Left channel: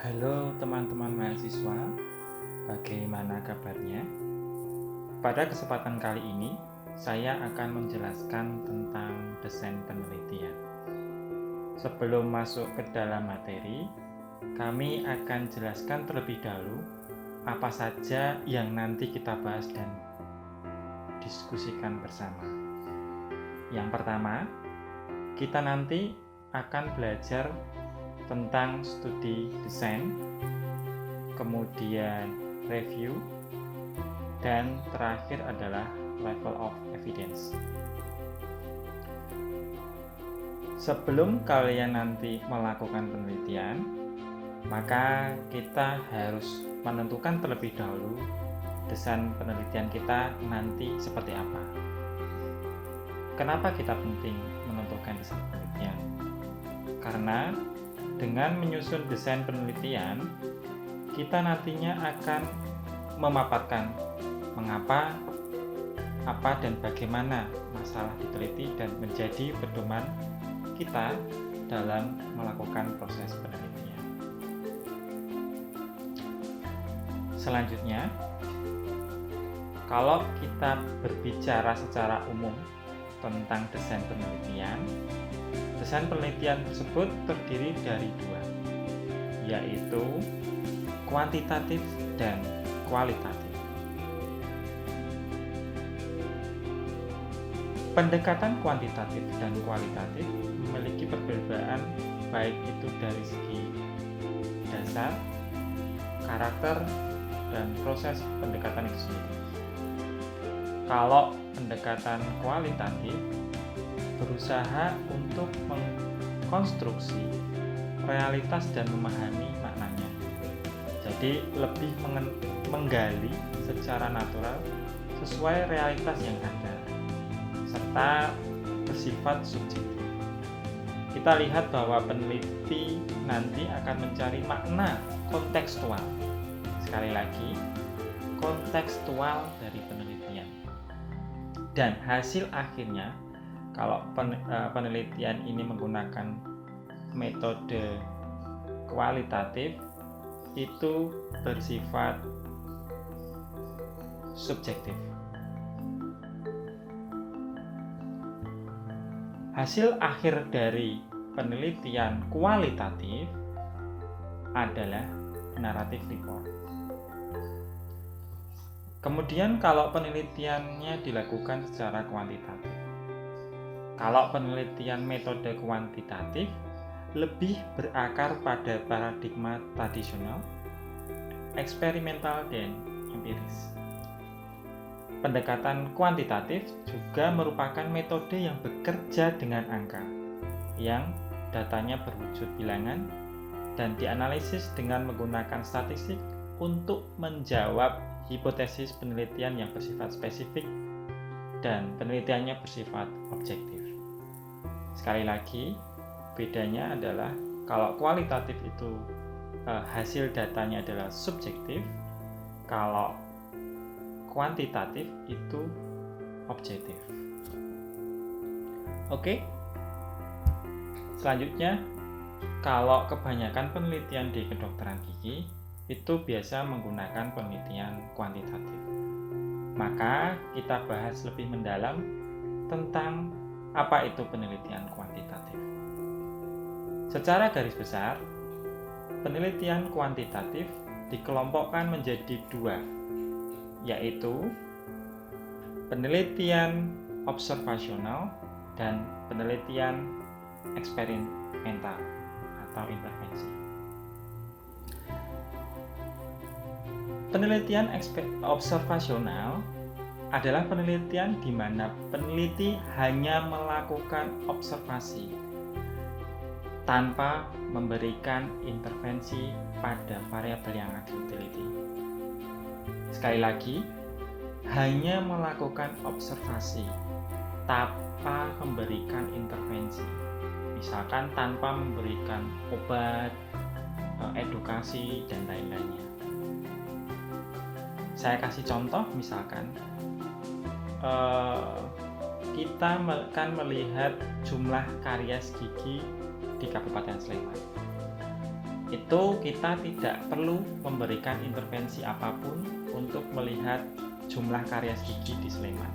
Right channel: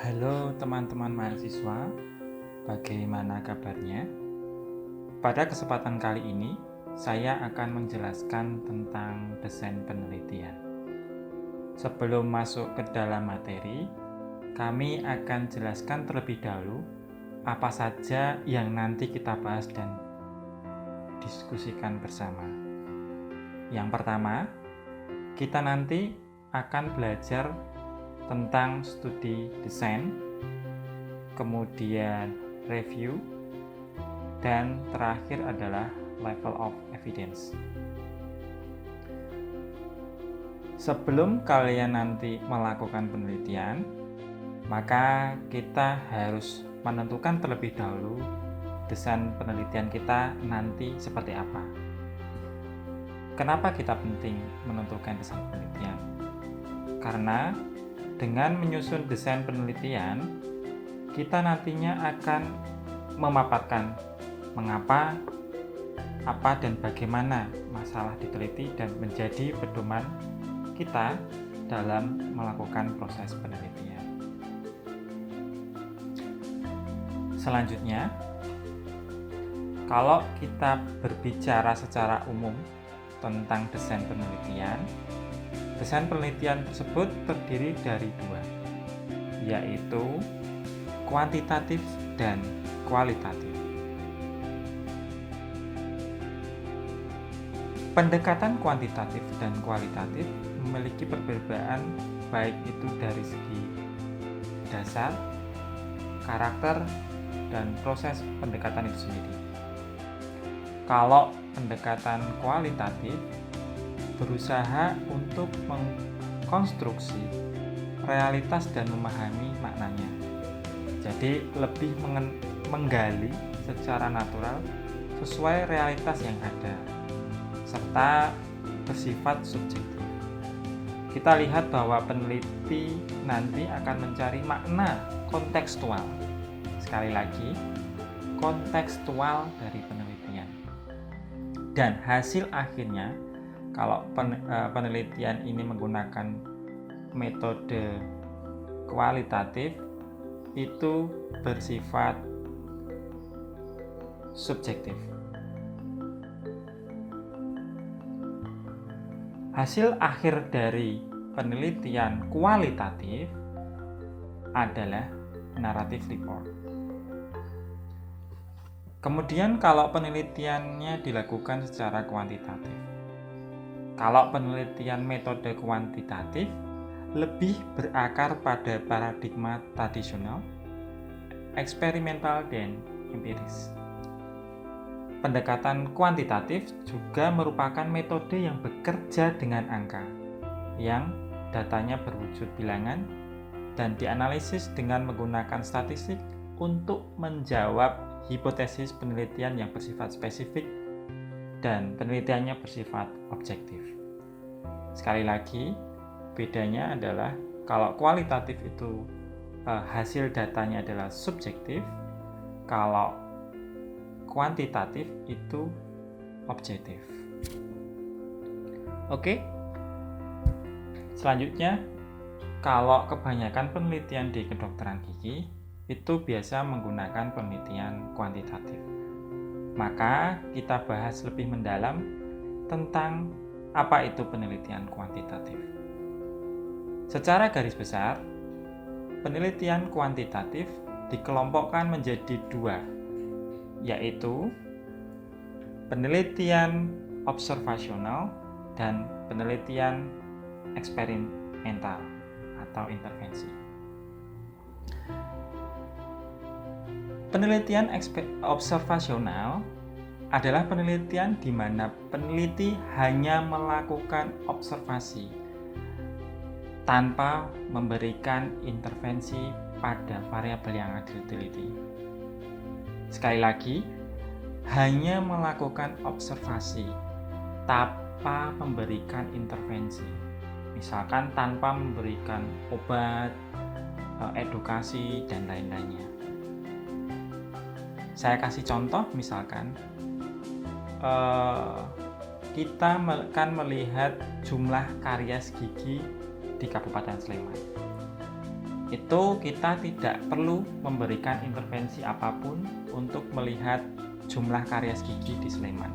Halo teman-teman mahasiswa, bagaimana kabarnya? Pada kesempatan kali ini, saya akan menjelaskan tentang desain penelitian. Sebelum masuk ke dalam materi, kami akan jelaskan terlebih dahulu apa saja yang nanti kita bahas dan diskusikan bersama. Yang pertama, kita nanti akan belajar tentang studi desain, kemudian review, dan terakhir adalah level of evidence. Sebelum kalian nanti melakukan penelitian, maka kita harus menentukan terlebih dahulu desain penelitian kita nanti seperti apa. Kenapa kita penting menentukan desain penelitian? Karena dengan menyusun desain penelitian, kita nantinya akan memaparkan mengapa, apa, dan bagaimana masalah diteliti dan menjadi pedoman kita dalam melakukan proses penelitian. Selanjutnya, kalau kita berbicara secara umum tentang desain penelitian tersebut terdiri dari dua, yaitu kuantitatif dan kualitatif. Pendekatan kuantitatif dan kualitatif memiliki perbedaan baik itu dari segi dasar, karakter, dan proses pendekatan itu sendiri. Kalau pendekatan kualitatif berusaha untuk mengkonstruksi realitas dan memahami maknanya. Jadi lebih menggali secara natural sesuai realitas yang ada, serta bersifat subjektif. Kita lihat bahwa peneliti nanti akan mencari makna kontekstual. Sekali lagi, kontekstual dari penelitian. Dan hasil akhirnya, kalau penelitian ini menggunakan metode kualitatif, itu bersifat subjektif. Hasil akhir dari penelitian kualitatif adalah narrative report. Kemudian kalau penelitiannya dilakukan secara kuantitatif. Kalau penelitian metode kuantitatif lebih berakar pada paradigma tradisional, eksperimental, dan empiris. Pendekatan kuantitatif juga merupakan metode yang bekerja dengan angka, yang datanya berwujud bilangan dan dianalisis dengan menggunakan statistik untuk menjawab hipotesis penelitian yang bersifat spesifik dan penelitiannya bersifat objektif. Sekali lagi, bedanya adalah kalau kualitatif itu hasil datanya adalah subjektif, kalau kuantitatif itu objektif. Oke. Selanjutnya, kalau kebanyakan penelitian di kedokteran gigi itu biasa menggunakan penelitian kuantitatif. Maka kita bahas lebih mendalam tentang apa itu penelitian kuantitatif. Secara garis besar, penelitian kuantitatif dikelompokkan menjadi dua, yaitu penelitian observasional dan penelitian eksperimental atau intervensi. Penelitian observasional adalah penelitian di mana peneliti hanya melakukan observasi tanpa memberikan intervensi pada variabel yang akan diteliti. Sekali lagi, hanya melakukan observasi tanpa memberikan intervensi. Misalkan tanpa memberikan obat, edukasi, dan lain-lainnya. Saya kasih contoh, misalkan kita akan melihat jumlah karies gigi di Kabupaten Sleman. itu kita tidak perlu memberikan intervensi apapun untuk melihat jumlah karies gigi di Sleman.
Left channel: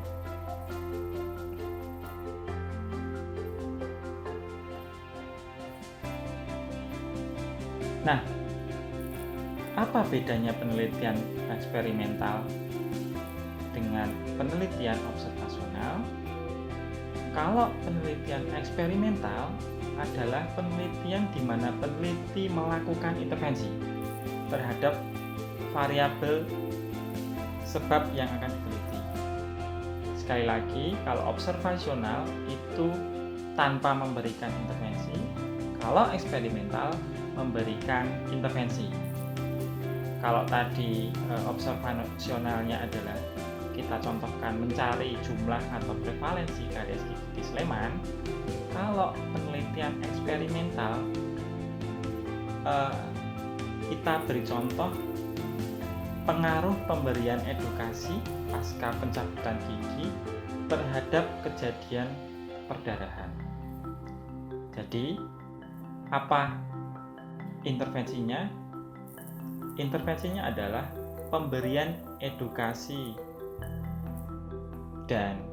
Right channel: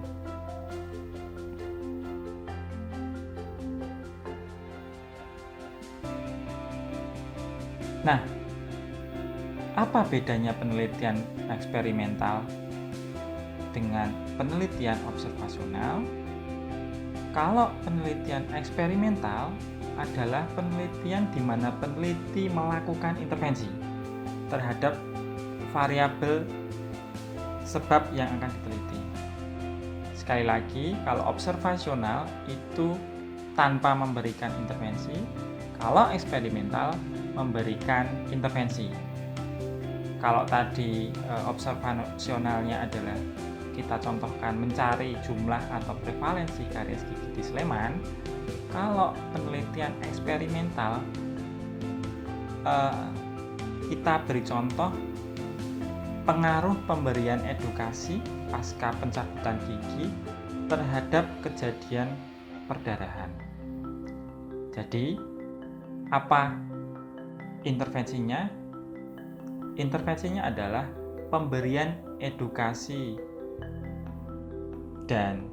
Nah, apa bedanya penelitian eksperimental dengan penelitian observasional? Kalau penelitian eksperimental adalah penelitian di mana peneliti melakukan intervensi terhadap variabel sebab yang akan diteliti. Sekali lagi, kalau observasional itu tanpa memberikan intervensi, kalau eksperimental memberikan intervensi. Kalau tadi observasionalnya adalah kita contohkan mencari jumlah atau prevalensi karies gigi di Sleman, kalau penelitian eksperimental kita beri contoh pengaruh pemberian edukasi pasca pencabutan gigi terhadap kejadian perdarahan. Jadi, apa intervensinya? Intervensinya adalah pemberian edukasi dan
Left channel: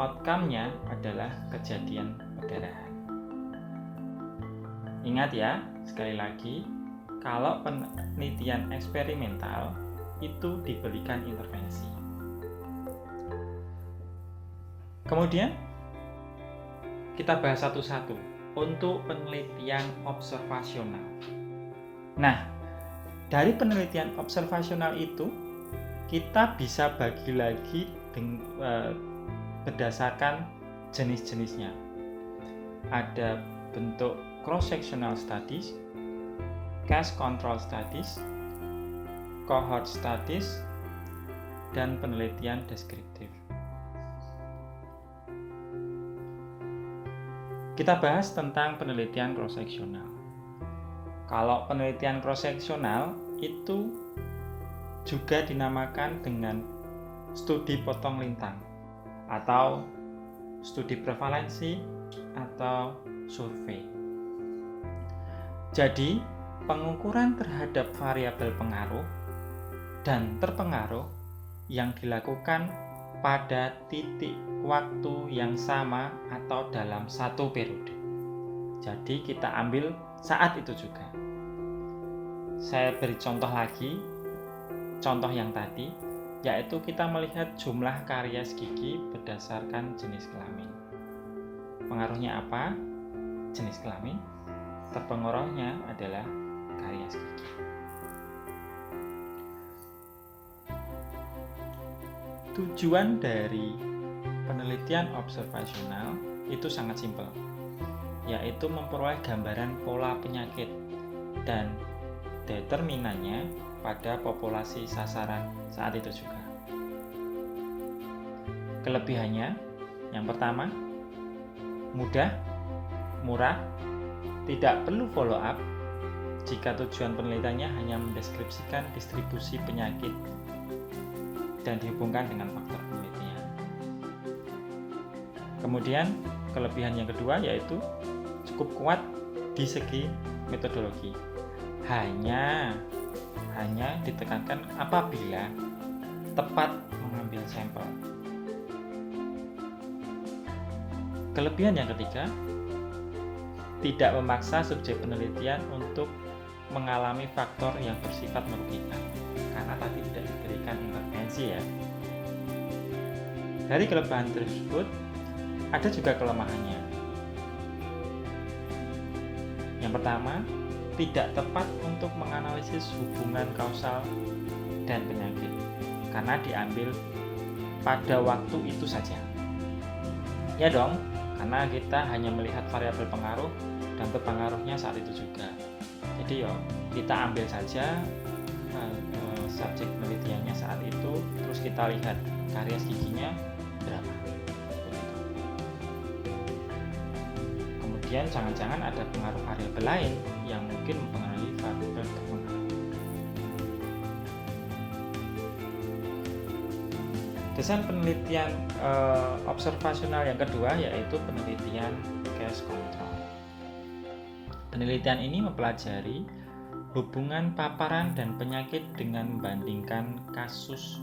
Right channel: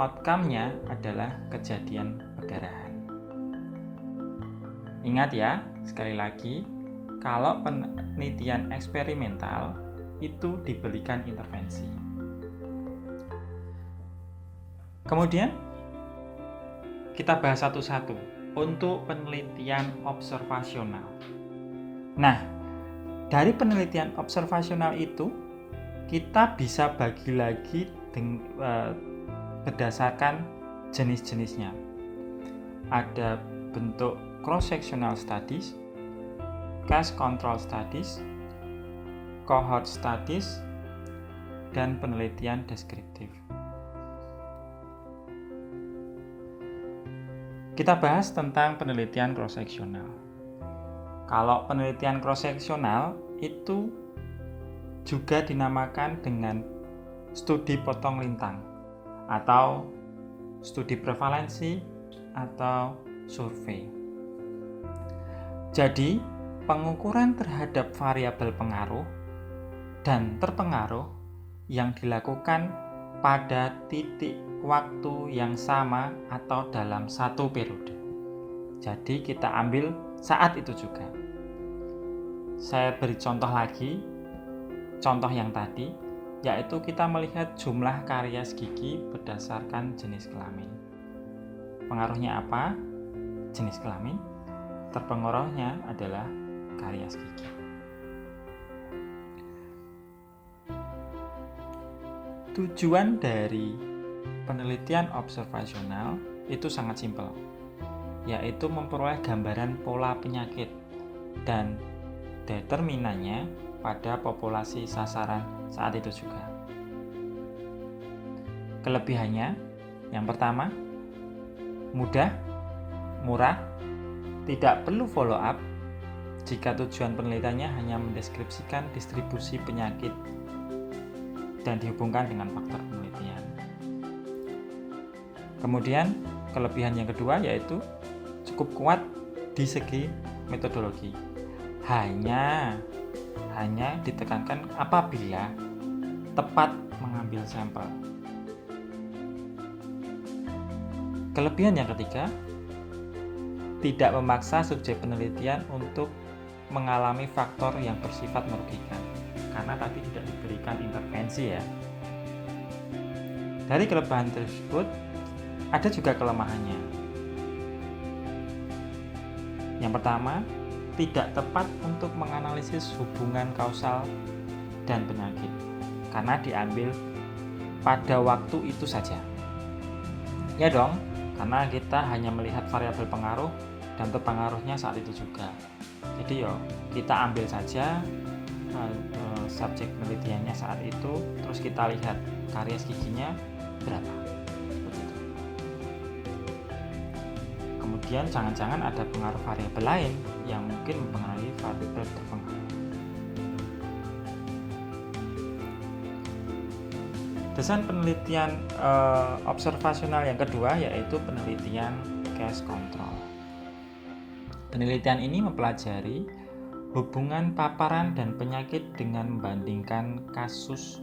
outcome-nya adalah kejadian perdarahan. Ingat ya, sekali lagi, kalau penelitian eksperimental itu diberikan intervensi. Kemudian kita bahas satu-satu untuk penelitian observasional. Nah, dari penelitian observasional itu kita bisa bagi lagi berdasarkan jenis-jenisnya. Ada bentuk cross-sectional studies, case control studies, cohort studies, dan penelitian deskriptif. Kita bahas tentang penelitian cross-sectional. Kalau penelitian cross-sectional itu juga dinamakan dengan studi potong lintang atau studi prevalensi atau survei. Jadi, pengukuran terhadap variabel pengaruh dan terpengaruh yang dilakukan pada titik waktu yang sama atau dalam satu periode. Jadi kita ambil saat itu juga. Saya beri contoh lagi, contoh yang tadi, yaitu kita melihat jumlah karies gigi berdasarkan jenis kelamin. Pengaruhnya apa? Jenis kelamin. Terpengaruhnya adalah karies gigi. Tujuan dari penelitian observasional itu sangat simpel, yaitu memperoleh gambaran pola penyakit dan determinannya pada populasi sasaran saat itu juga. Kelebihannya, yang pertama, mudah, murah, tidak perlu follow up jika tujuan penelitiannya hanya mendeskripsikan distribusi penyakit dan dihubungkan dengan faktor penelitian. Kemudian, kelebihan yang kedua yaitu cukup kuat di segi metodologi. Hanya ditekankan apabila tepat mengambil sampel. Kelebihan yang ketiga, tidak memaksa subjek penelitian untuk mengalami faktor yang bersifat merugikan, karena tadi tidak diberikan intervensi ya. Dari kelebihan tersebut, ada juga kelemahannya. Yang pertama, tidak tepat untuk menganalisis hubungan kausal dan penyakit, karena diambil pada waktu itu saja. Ya dong, karena kita hanya melihat variabel pengaruh dan terpengaruhnya saat itu juga. Jadi kita ambil saja subjek penelitiannya saat itu, terus kita lihat karies giginya berapa. Kemudian jangan-jangan ada pengaruh variabel lain yang mungkin mempengaruhi variabel terpengaruh. Desain penelitian observasional yang kedua yaitu penelitian case control. Penelitian ini mempelajari hubungan paparan dan penyakit dengan membandingkan kasus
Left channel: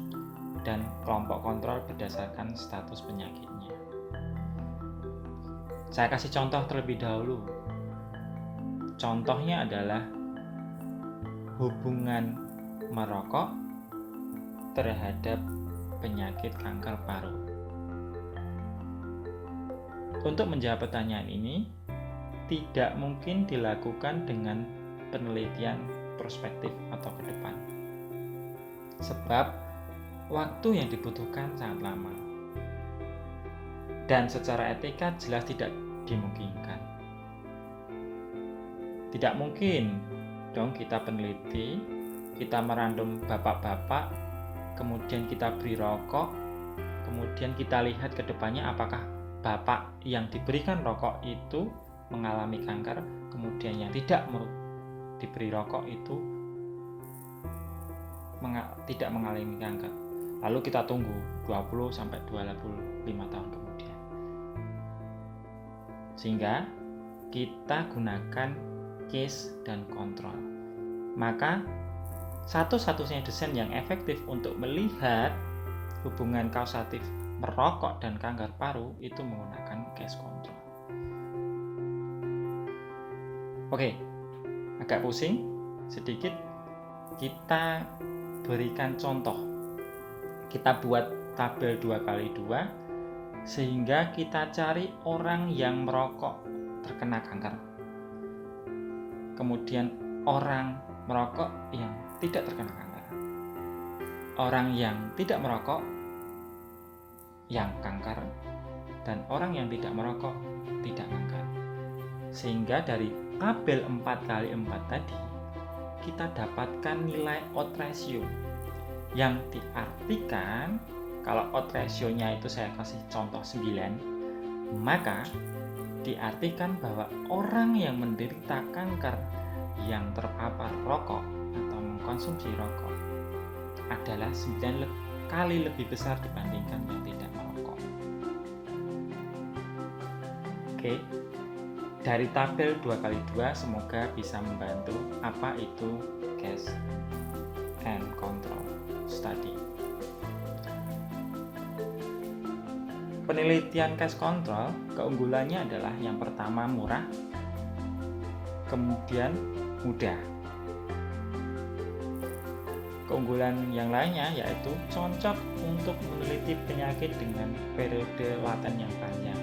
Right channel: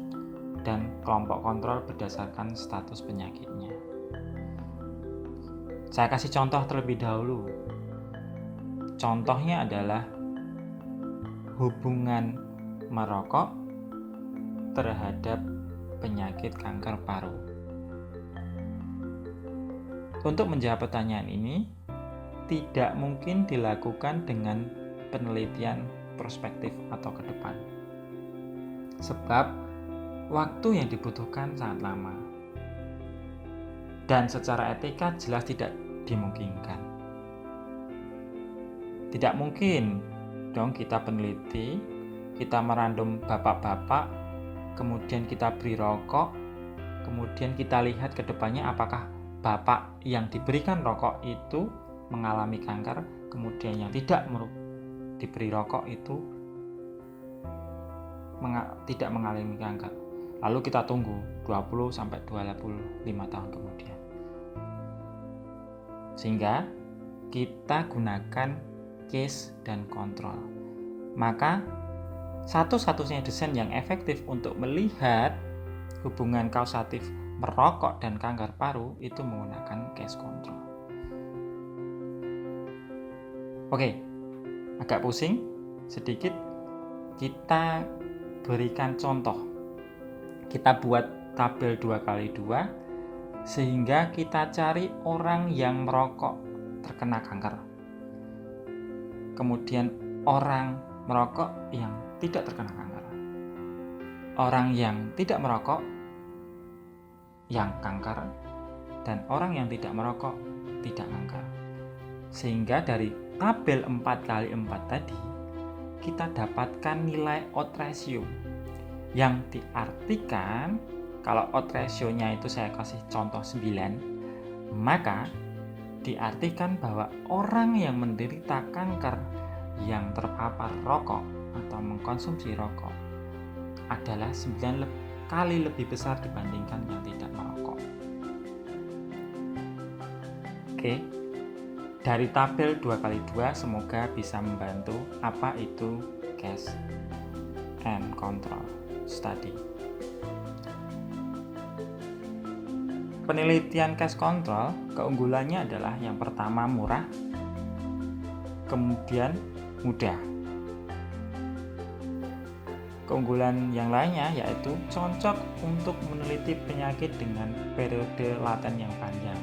dan kelompok kontrol berdasarkan status penyakitnya. Saya kasih contoh terlebih dahulu. Contohnya adalah hubungan merokok terhadap penyakit kanker paru. Untuk menjawab pertanyaan ini, tidak mungkin dilakukan dengan penelitian prospektif atau ke depan. Sebab waktu yang dibutuhkan sangat lama. Dan secara etika jelas tidak dimungkinkan. Tidak mungkin dong kita peneliti, kita merandom bapak-bapak, kemudian kita beri rokok, kemudian kita lihat ke depannya apakah bapak yang diberikan rokok itu mengalami kanker, kemudian yang tidak diberi rokok itu tidak mengalami kanker. Lalu kita tunggu 20-25 tahun kemudian. Sehingga kita gunakan case dan kontrol. Maka satu-satunya desain yang efektif untuk melihat hubungan kausatif merokok dan kanker paru itu menggunakan case control. Oke, agak pusing sedikit, kita berikan contoh. Kita buat tabel 2x2 sehingga kita cari orang yang merokok terkena kanker. Kemudian orang merokok yang tidak terkena kanker. Orang yang tidak merokok yang kanker, dan orang yang tidak merokok tidak kanker. Sehingga dari tabel 4x4 tadi kita dapatkan nilai odds ratio yang diartikan kalau odds ratio-nya itu saya kasih contoh 9, maka diartikan bahwa orang yang menderita kanker yang terpapar rokok atau mengkonsumsi rokok adalah 9 kali lebih besar dibandingkan yang tidak merokok. Oke, dari tabel 2x2 semoga bisa membantu apa itu case and control study. Penelitian case control keunggulannya adalah yang pertama murah, kemudian mudah. Keunggulan yang lainnya yaitu cocok untuk meneliti penyakit dengan periode laten yang panjang.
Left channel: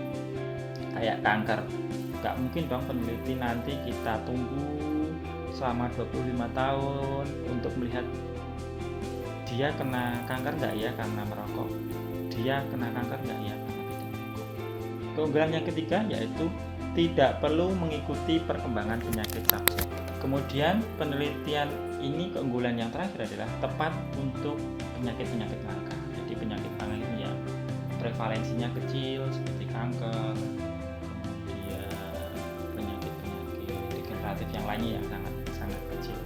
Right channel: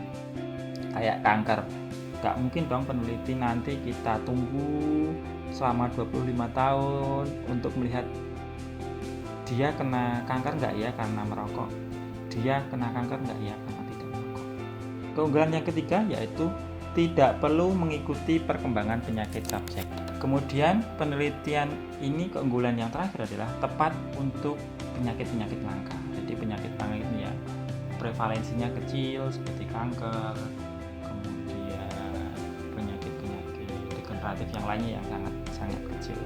Kayak kanker, gak mungkin dong peneliti nanti kita tunggu selama 25 tahun untuk melihat dia kena kanker nggak ya karena merokok, dia kena kanker nggak ya karena tidak merokok. Keunggulan yang ketiga yaitu tidak perlu mengikuti perkembangan penyakit subjek. Kemudian penelitian ini keunggulan yang terakhir adalah tepat untuk penyakit-penyakit langka. Jadi penyakit-penyakit ini ya prevalensinya kecil seperti kanker, kemudian penyakit-penyakit degeneratif yang lainnya yang sangat kecil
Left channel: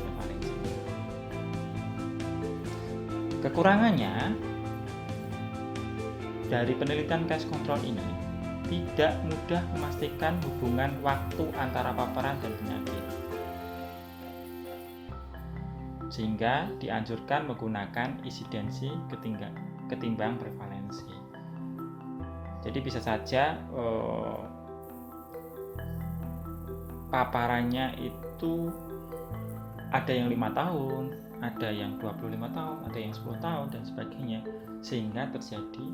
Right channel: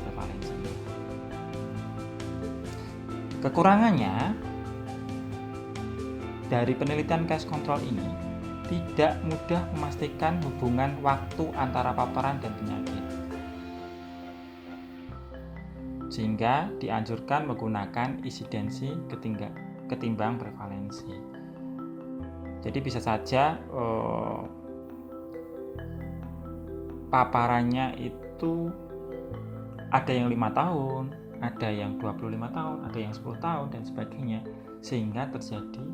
prevalensinya. Kekurangannya dari penelitian case control ini tidak mudah memastikan hubungan waktu antara paparan dan penyakit. Sehingga dianjurkan menggunakan insidensi ketimbang prevalensi. Jadi bisa saja paparannya itu ada yang 5 tahun, ada yang 25 tahun, ada yang 10 tahun dan sebagainya, sehingga terjadi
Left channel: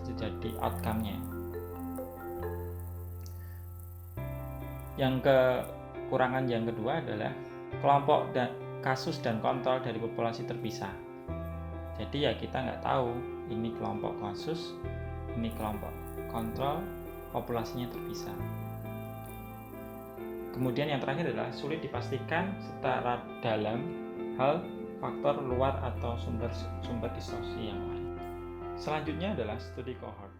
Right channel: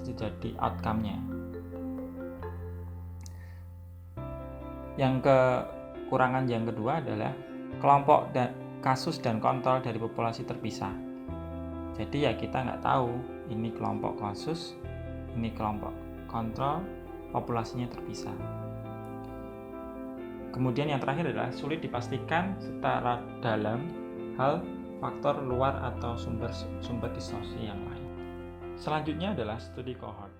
terjadi outcome-nya. Yang kekurangan yang kedua adalah kelompok dan kasus dan kontrol dari populasi terpisah. Jadi ya kita nggak tahu ini kelompok kasus, ini kelompok kontrol, populasinya terpisah. Kemudian yang terakhir adalah sulit dipastikan secara dalam hal faktor luar atau sumber distorsi yang lain. Selanjutnya adalah studi cohort.